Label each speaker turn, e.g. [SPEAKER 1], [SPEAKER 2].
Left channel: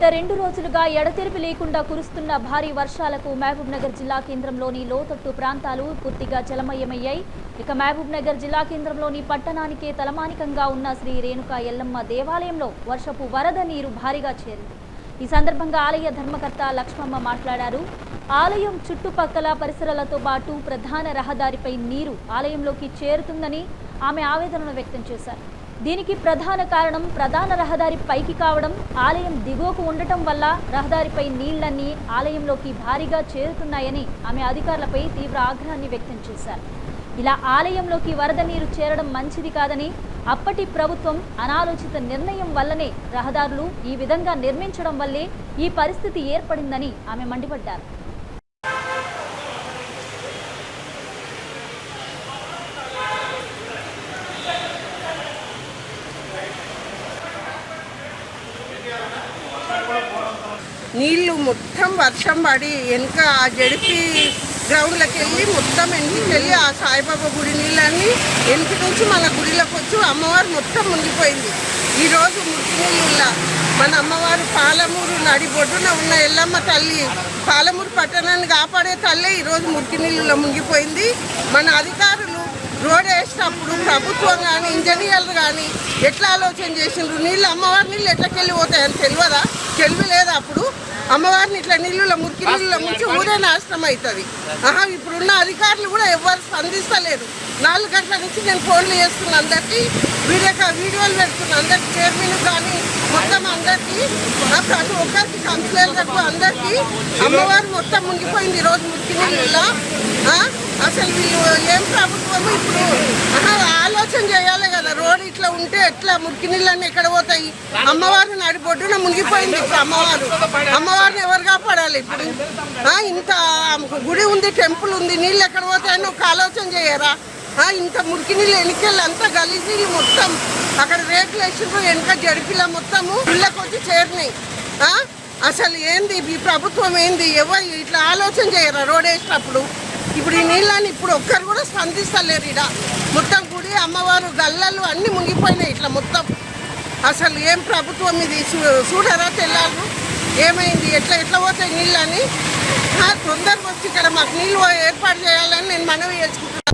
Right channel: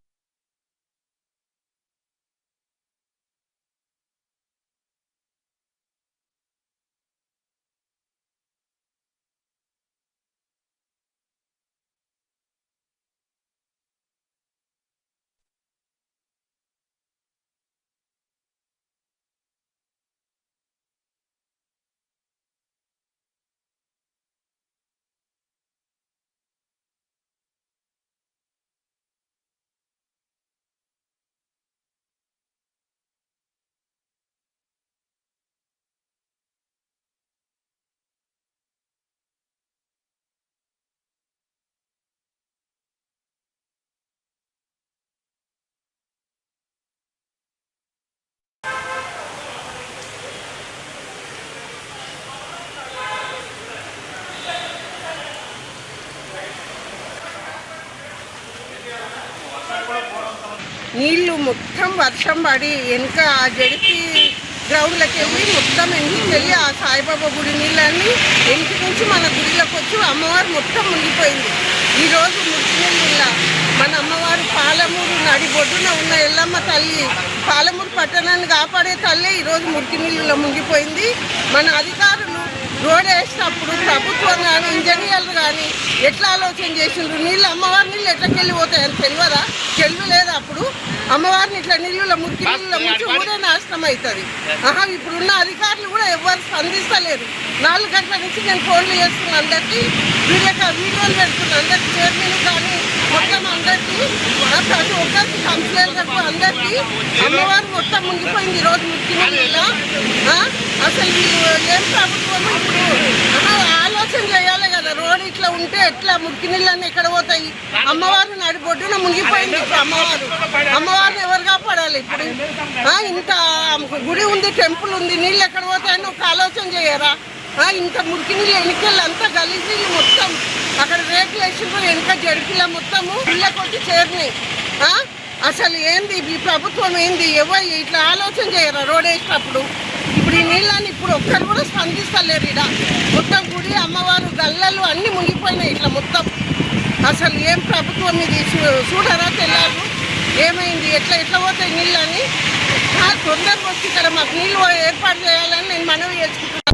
[SPEAKER 1] గత రెండు రోజులుగా ఎడతెరిపి లేకుండా కురుస్తున్న భారీ వర్షాలకు మహబూబ్నగర్ జిల్లా కేంద్రంలోని లోతట్టు ప్రాంతాలు పూర్తిగా జలమయమయ్యాయి. ఇక మహబూబ్నగర్ జిల్లా కేంద్రంలోని పట్టణానికే తలమానికంగా ఉన్న శ్రీ రేణుకా ఎల్లమ్మ దేవాలయంలో వర్షపు వరద నీరు భారీగా చేరింది. ఈ సందర్భంగా ఆలయ ధర్మకర్త లక్ష్మమ్మ మాట్లాడారు. ఆలయం చుట్టుపక్కల పరిసరాలతో పాటు ప్రధాన రహదారిపై నీరు ఆలయంలోకి చేరుతుందని ఆమె ఆవేదనను వ్యక్తం చేశారు. దీనికి ప్రధాన కారణం ప్రధాన రహదారి పైకి కావడం. ఆలయం దిగువకు ఉండటం వల్ల రహదారిపై నీళ్ళన్నీ ఆలయంలోకి భారీగా చేరుతున్నాయని ఆమె అధికారులపై తీవ్ర ఆగ్రహాన్ని వ్యక్తం చేశారు. ఇలా ఆలయంలోకి వరద నీరు చేరడం మంచిది కాదని అప్పటి ప్రభుత్వం అనాలోచిత నిర్ణయం వల్లనే రహదారులు ఈ విధంగా నిర్మించడం వల్లే ఈ పరిస్థితి ఏర్పడిందని ఆమె మండిపడ్డారు.
[SPEAKER 2] నీళ్ళు మొత్తం వర్షం పడి వెనుక ఆ జడిపి గ్రౌండ్లోకి వెళ్ళి మొత్తం వెనక్కి వెళ్ళి ఆ సాయిబాబా గుడి నీళ్ళన్నీ వెనుక నుంచి మన గుడిలోకి వచ్చి అమ్మవారు మొత్తం మునిగిపోయింది. ఈరోజు మురికి నీళ్ళ మన అమ్మవారు పాలమూరు నడి బొడ్డున ఉన్న ఎల్లమ్మ తల్లి పాలమూరు పట్టణాన్ని కాపాడే తల్లే ఈరోజు మురికి నీళ్ళలో మునిగిపోయింది. మన అధికారులు రోడ్ వేసినప్పుడు ప్రభుత్వం కానీ ఇంజనీర్లు కానీ ఎట్లా ఆలోచన చేసిండ్రు? నీళ్ళు అమ్మవారి నీళ్ళు ఎట్లకెళ్ళి పోతాయని తెలియదా? తెలివి లేదా అప్పుడు? అమ్మవారిని ఇట్లా నీళ్ళలో మురికి నీళ్ళలో ముంచి ఊరే నాశనం అవుతుంది ఆహా ఇప్పుడున్న అధికారులు కూడా ఎవరు స్పందిస్తలేరు నాలుగు గంటల నుంచి నేను ఫోన్లు చేస్తున్న అందరికీ వీడియో వీడియోలు పెడుతున్నా అందరికీ చైర్మన్ కానీ మొత్తం అందరికీ ప్రతి ఒక్కరికి కంప్లైంట్లకు అందరికీ అమ్మవారు మొత్తం మునిగిపోయింది ఈరోజు మురికి నీళ్ళ అసలు ఏం ప్రభుత్వము ఇప్పుడు ఆలోచన చేయాలి కదా. రోడ్ ఇట్లా ఉంటే ఎట్లా? మురికి నీళ్ళన్నీ ఎక్కడ పోతాయి? అమ్మవారు నడి బొడ్డున మునిగిపోయింది ఇప్పుడు అమ్మవారు. అమ్మవారిని ఎవరు కాపాడాలి ఇప్పుడు? ఇంత గుడి ఉంది టెంపుల్ ఉంది నీళ్ళు ఎక్కడ పోతాయని ఒక ఆలోచన చేయరా? ఇంత మురికి నీళ్ళు వెనకెళ్ళి అంతా గలీజ్ నీళ్ళు మొత్తం. అక్కడ రేట్లు వేసిండ్రు వెనక జడిపిల మొత్తము. ఇళ్ళకి వచ్చి చేరినాయి అసలు ఏంది? ఈ ప్రభుత్వం ఏంది? ఎవరు ఇట్లా ఆలోచన చేయరా రోడ్ వేసినప్పుడు? ఇప్పుడు ఈ నీళ్ళని ఇప్పుడు ఒక్కరు కూడా స్పందిస్తలేరు ఇడ మొత్తం గుడి అమ్మవారు గల్లలు అన్నీ మునిగిపోయినాయి ఇట్లా మొత్తం. అసలు ఏం ప్రభుత్వం ఇది? చూ- చూడరా తెల్లారు? ఏమైంది? ఎట్లా ఎట్లా పోతాయి నీళ్ళని? తొందరగా వచ్చి ఇక్కడ మాకు నీళ్ళు ఏర్పాటు చేయాలని నేను మనవి చేసుకుంటున్నాను